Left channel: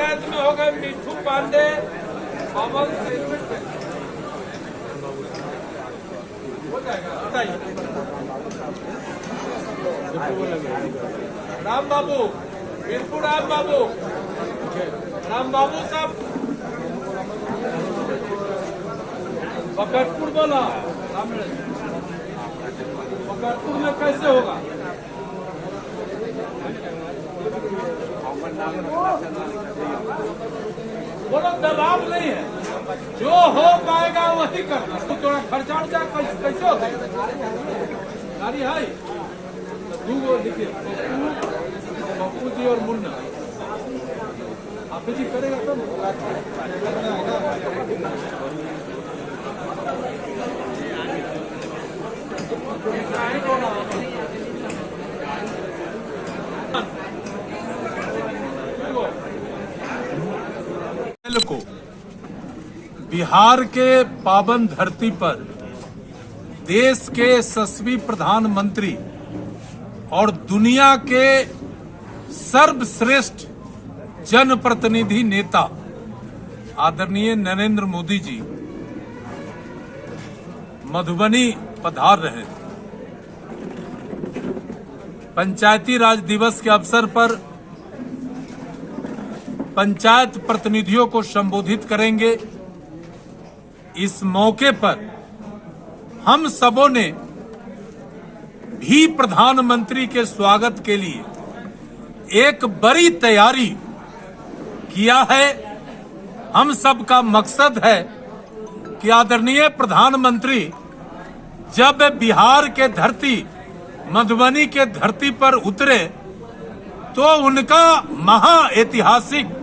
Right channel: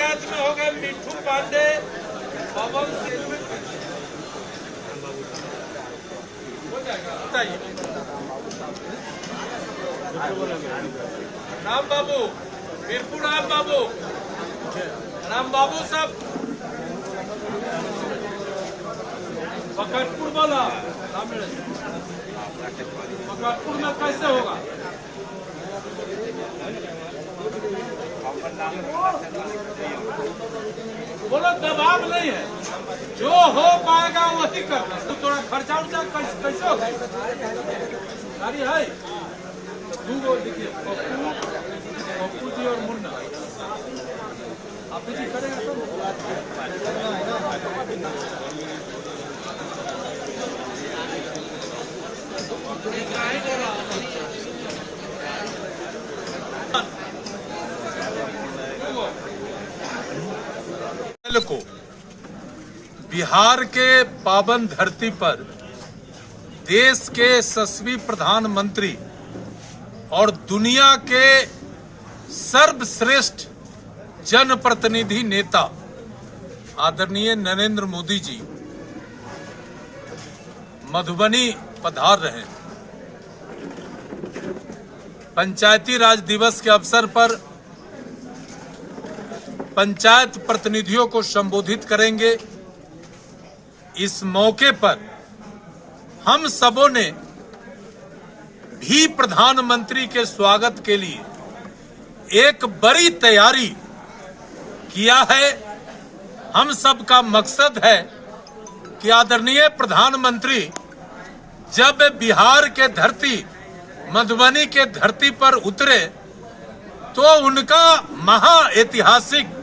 पंचायत में हो गए मिठू पांडे, पवन सिंह। हो जाएगा। राम बाबू, वीरपुर राम बाबू साहब, बकरपुर बोला। बकरपुर में कैसे होगा? बोलो, दबाव नहीं है, जो हो पाएगा वही करना। तो थोड़ा खर्चा उर्चा कैसे होगा? गाड़ी है वो लिखिए, पप्पू जी और मुन्ना। आप जी करेगा सब। को बिहार के पावन धरती पर देश के यशस्वी प्रधानमंत्री और दुनिया के सर्वश्रेष्ठ जनप्रतिनिधि नेता आदरणीय नरेंद्र मोदी जी मधुबनी पधार रहे हैं। पंचायती राज दिवस के अवसर पर पंचायत प्रतिनिधियों को संबोधित करेंगे। इस मौके पर हम सबों ने भी प्रधानमंत्री के स्वागत के लिए एक बड़ी तैयारी किया है। हम सब का मकसद है कि आदरणीय प्रधानमंत्री जब बिहार के धरती मधुबनी के धरती पर उतरे तो उनका महाऐतिहासिक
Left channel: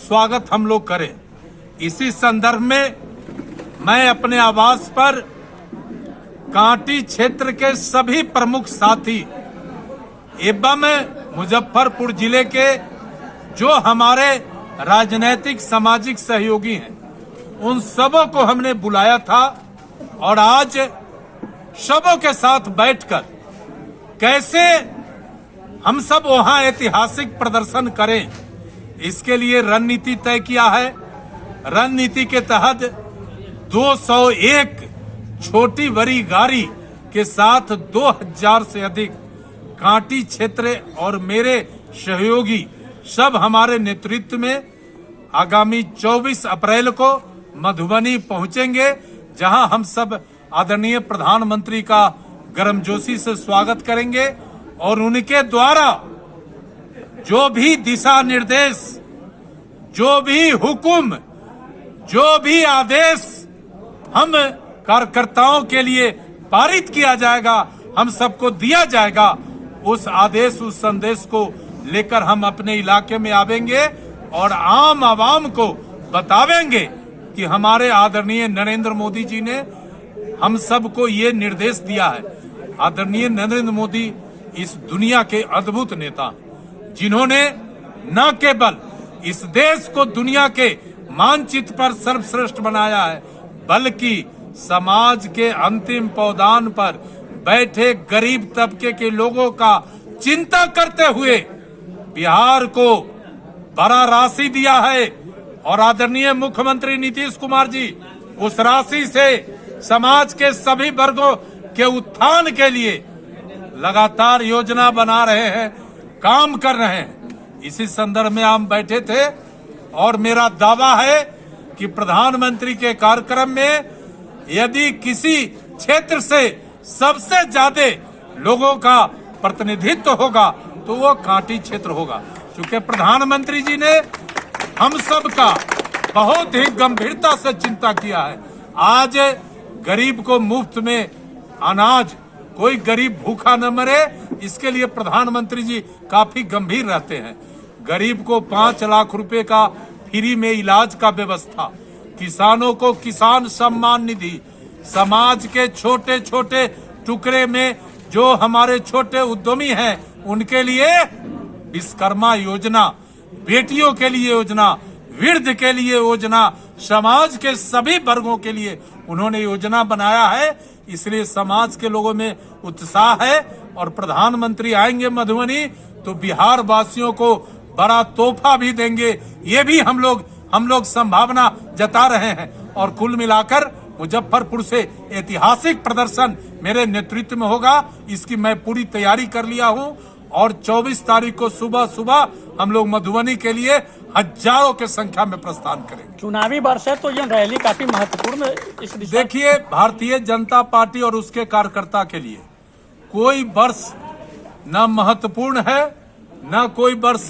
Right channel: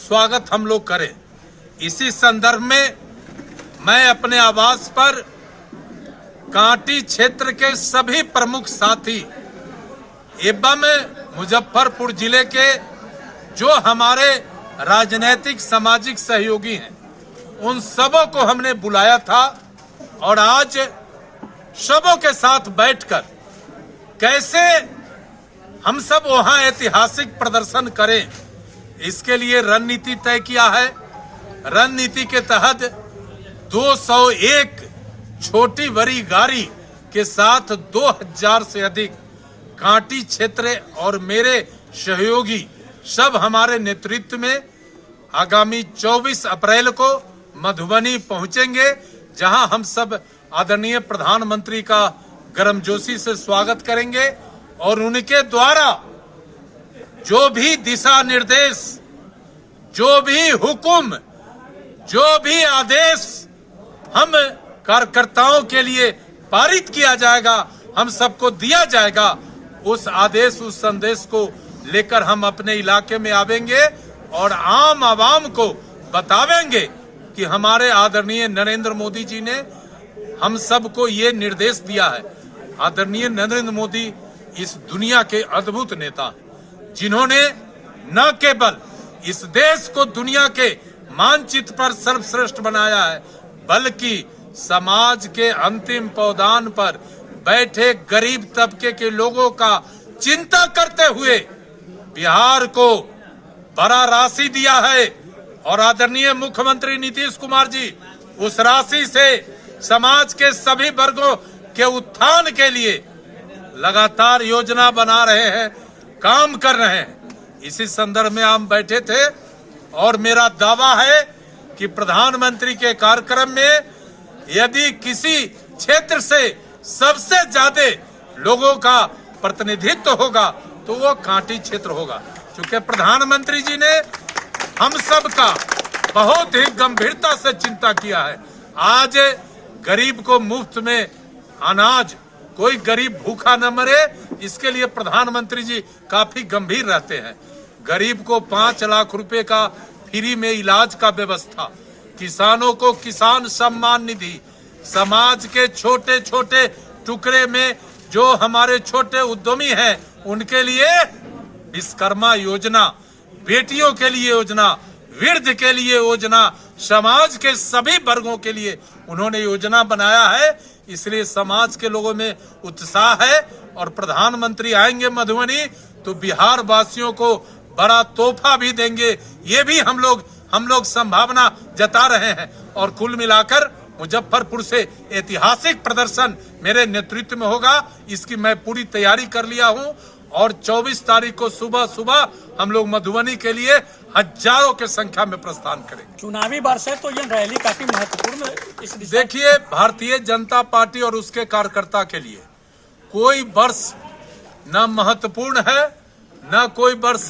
स्वागत हम लोग करें। इसी संदर्भ में मैं अपने आवास पर कांटी क्षेत्र के सभी प्रमुख साथी एवं मुजफ्फरपुर जिले के जो हमारे राजनीतिक सामाजिक सहयोगी हैं उन सबों को हमने बुलाया था और आज सबों के साथ बैठकर कैसे हम सब वहां ऐतिहासिक प्रदर्शन करें, इसके लिए रणनीति तय किया है। रणनीति के तहत 201 छोटी बड़ी गाड़ी के साथ 2000 से अधिक कांटी क्षेत्र और मेरे सहयोगी सब हमारे नेतृत्व में आगामी 24 अप्रैल को मधुबनी पहुंचेंगे, जहां हम सब आदरणीय प्रधानमंत्री का गर्मजोशी से स्वागत करेंगे और उनके द्वारा जो भी दिशा निर्देश, जो भी हुक्म, जो भी आदेश हम कार्यकर्ताओं के लिए पारित किया जाएगा, हम सबको दिया जाएगा, उस आदेश उस संदेश को लेकर हम अपने इलाके में आवेंगे और आम आवाम को बतावेंगे कि हमारे आदरणीय नरेंद्र मोदी जी ने हम सबको ये निर्देश दिया है। आदरणीय नरेंद्र मोदी इस दुनिया के अद्भुत नेता हैं, जिन्होंने न केवल इस देश को दुनिया के मानचित्र पर सर्वश्रेष्ठ बनाया है, बल्कि समाज के अंतिम पौधान पर बैठे गरीब तबके के लोगों का चिंता करते हुए बिहार को बड़ा राशि दिया है। और आदरणीय मुख्यमंत्री नीतीश कुमार जी उस राशि से समाज के सभी वर्गों के उत्थान के लिए लगातार योजना बना रहे हैं, काम कर रहे हैं। इसी संदर्भ में हम बैठे थे और मेरा दावा है कि प्रधानमंत्री के कार्यक्रम में यदि किसी क्षेत्र से सबसे ज्यादा लोगों का प्रतिनिधित्व होगा तो वो कांटी क्षेत्र होगा, क्योंकि प्रधानमंत्री जी ने हम सब का बहुत ही गंभीरता से चिंता किया है। आज गरीब को मुफ्त में अनाज, कोई गरीब भूखा न मरे, इसके लिए प्रधानमंत्री जी काफी गंभीर रहते हैं। गरीब को 5 लाख रुपए का फ्री में इलाज का व्यवस्था, किसानों को किसान सम्मान निधि, समाज के छोटे छोटे टुकड़े में जो हमारे छोटे उद्यमी हैं उनके लिए विश्वकर्मा योजना, बेटियों के लिए योजना, वृद्ध के लिए योजना, समाज के सभी वर्गों के लिए उन्होंने योजना बनाया है। इसलिए समाज के लोगों में उत्साह है और प्रधानमंत्री आएंगे मधुबनी तो बिहार वासियों को बड़ा तोहफा भी देंगे, ये भी हम लोग संभावना जता रहे हैं। और कुल मिलाकर मुजफ्फरपुर से ऐतिहासिक प्रदर्शन मेरे नेतृत्व में होगा, इसकी मैं पूरी तैयारी कर लिया हूं। और 24 तारीख को सुबह सुबह हम लोग मधुबनी के लिए हजारों के संख्या में प्रस्थान करेंगे। चुनावी वर्ष है तो ये रैली काफी महत्वपूर्ण इस दिशा। देखिए, भारतीय जनता पार्टी और उसके कार्यकर्ता के लिए कोई वर्ष न महत्वपूर्ण है, न कोई वर्ष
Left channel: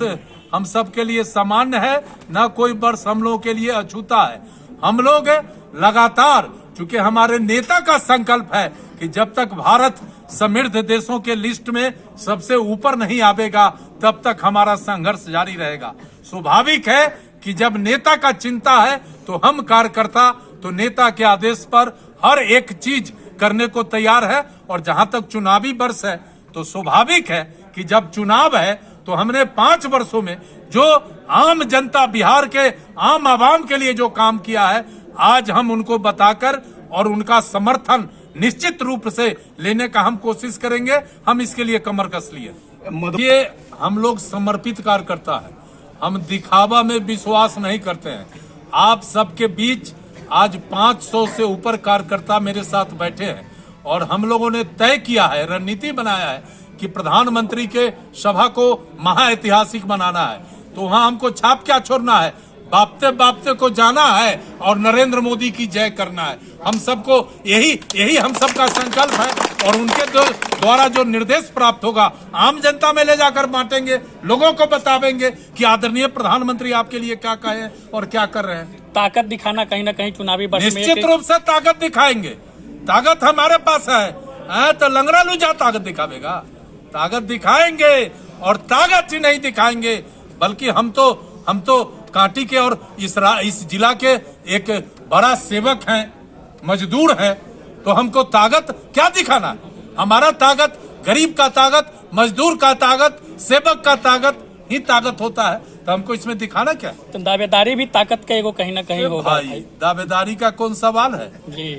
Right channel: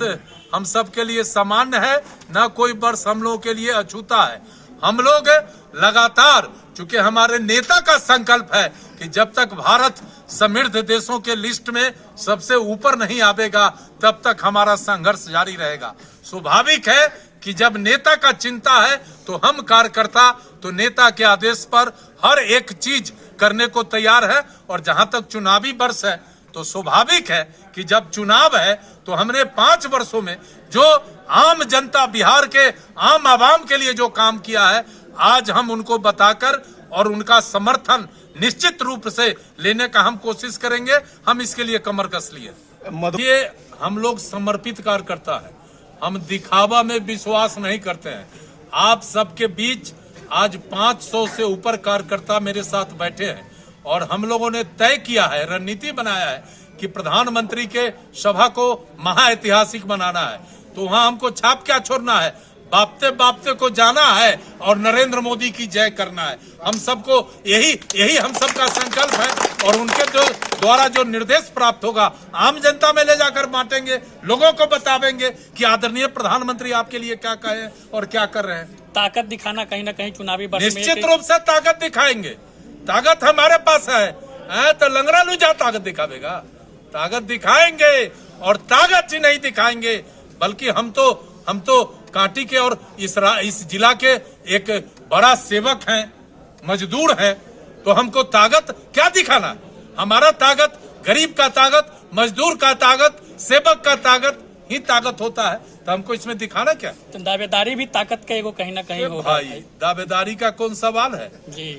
हम सब के लिए सामान्य है, न कोई वर्ष हम लोगों के लिए अछूता है। हम लोग लगातार, चूंकि हमारे नेता का संकल्प है कि जब तक भारत समृद्ध देशों के लिस्ट में सबसे ऊपर नहीं आवेगा तब तक हमारा संघर्ष जारी रहेगा। स्वाभाविक है कि जब नेता का चिंता है तो हम कार्यकर्ता तो नेता के आदेश पर हर एक चीज करने को तैयार है। और जहां तक चुनावी वर्ष है तो स्वाभाविक है कि जब चुनाव है तो हमने 5 वर्षों में जो आम जनता, बिहार के आम आवाम के लिए जो काम किया है, आज हम उनको बताकर और उनका समर्थन निश्चित रूप से लेने का हम कोशिश करेंगे। हम इसके लिए कमर कस लिए। ये हम लोग समर्पित कार्यकर्ता है, हम दिखावा में विश्वास नहीं करते हैं। आप सबके बीच आज 500 से ऊपर कार्यकर्ता मेरे साथ बैठे हैं और हम लोगों ने तय किया है, रणनीति बनाया है कि प्रधानमंत्री के सभा को महाऐतिहासिक बनाना है। तो वहां हमको छाप क्या छोड़ना है, बापते बापते को जाना है और नरेंद्र मोदी की जय करना है। हम सबको यही हम सबका संकल्प है। और उनके द्वारा जो निर्देश प्राप्त होगा आम जनता में ले जाकर बांटेंगे, लोगों को बतावेंगे कि आदरणीय प्रधानमंत्री आपके लिए क्या कहे और क्या कर रहे हैं। ताकत दिखाना कहीं ना कहीं चुनावी वर्ष में निश्चित रूप से ताकत दिखाएंगे। ताकत हमारे पास है तो लंगड़ा लूजा ताकत दिखावेगा। ताकत दिखाएंगे और ताकत ही नहीं दिखाएंगे, बल्कि हम तो कांटी के और इस जिला के एक बड़ा सेवक हैं, मजदूर हैं। तो हमको ताकत क्या दिखाना? हमारा ताकत गरीब का ताकत, मजदूर का ताकत, सेवक का ताकत ही ताकत होता है। तो हमको इसमें दिखाना क्या? तो दावेदारी भी ताकत का एगो कहीं ना कहीं होगा। भाई, दावेदारी का कौन सवाल है जी।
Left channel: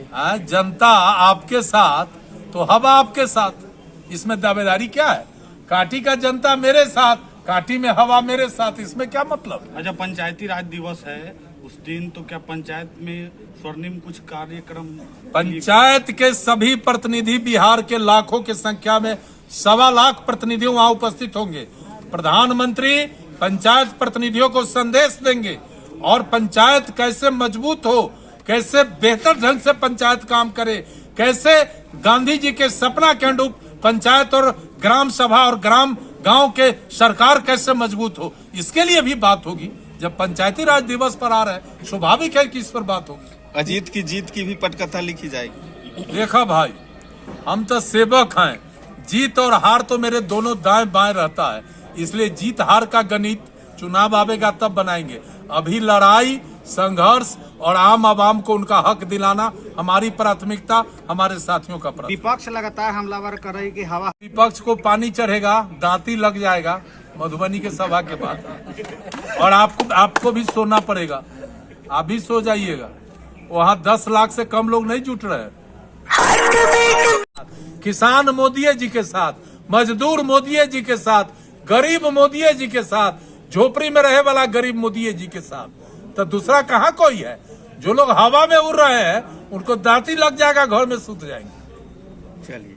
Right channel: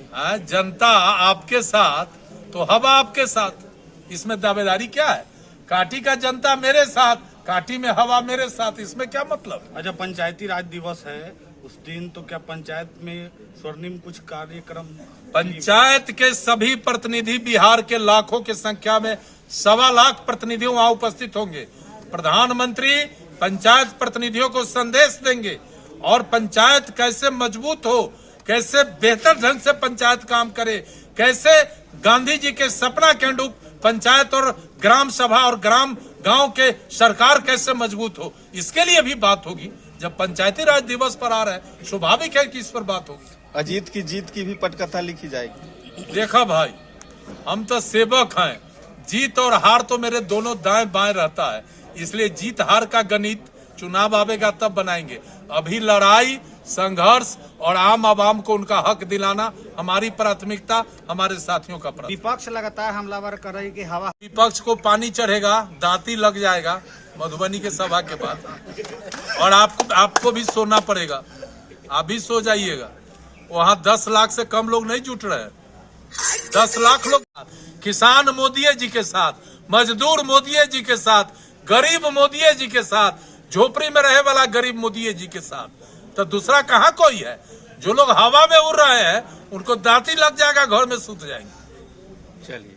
जनता आपके साथ तो हवा आपके साथ, इसमें दावेदारी क्या है? कांटी का जनता मेरे साथ, कांटी में हवा मेरे साथ, इसमें क्या मतलब? अच्छा, पंचायती राज दिवस है उस दिन, तो क्या पंचायत में स्वर्णिम कुछ कार्यक्रम? पंचायत के सभी प्रतिनिधि, बिहार के लाखों की संख्या में 1.25 लाख प्रतिनिधि वहां उपस्थित होंगे। प्रधानमंत्री पंचायत प्रतिनिधियों को संदेश देंगे और पंचायत कैसे मजबूत हो, कैसे बेहतर ढंग से पंचायत काम करे, कैसे गांधी जी के सपना के अनुरूप पंचायत और ग्राम सभा और गांव के सरकार कैसे मजबूत हो, इसके लिए भी बात होगी। जब पंचायती राज दिवस पर आ रहा है, स्वाभाविक है कि इस पर बात होगी। अजीत की जीत की भी पटकथा लिखी जाएगी। देखा भाई, हम तो सेवक हैं, जीत और हार तो मेरे दोनों दाएं बाएं रहता है, इसलिए जीत हार का गणित चुनाव आवेगा तब बनाएंगे। अभी लड़ाई, संघर्ष और आम आवाम को उनका हक दिलाना हमारी प्राथमिकता, हमारे साथियों का प्राथमिकता। विपक्ष लगातार हमलावर कर रही कि हवा, विपक्ष को पानी चढ़ेगा, दांती लग जाएगा मधुबनी के सभा के बाद। और आपको भी सोना पड़ेगा, आप भी सो जाइएगा। वहां 10 लाख से कम लोग नहीं जुट रहे हैं, 10 लाख लोग। किसान मोदी जी के साथ, मजदूर मोदी जी के साथ, गरीब मोदी जी के साथ, झोपड़ी में रहे वाला गरीब मोदी जी के साथ। तो दूसरा कहाँ कोई है? जो लोग हवा में उड़ रहे हैं उनको दांती लग जाएगा, घर में सूत जाएंगे। चलिए।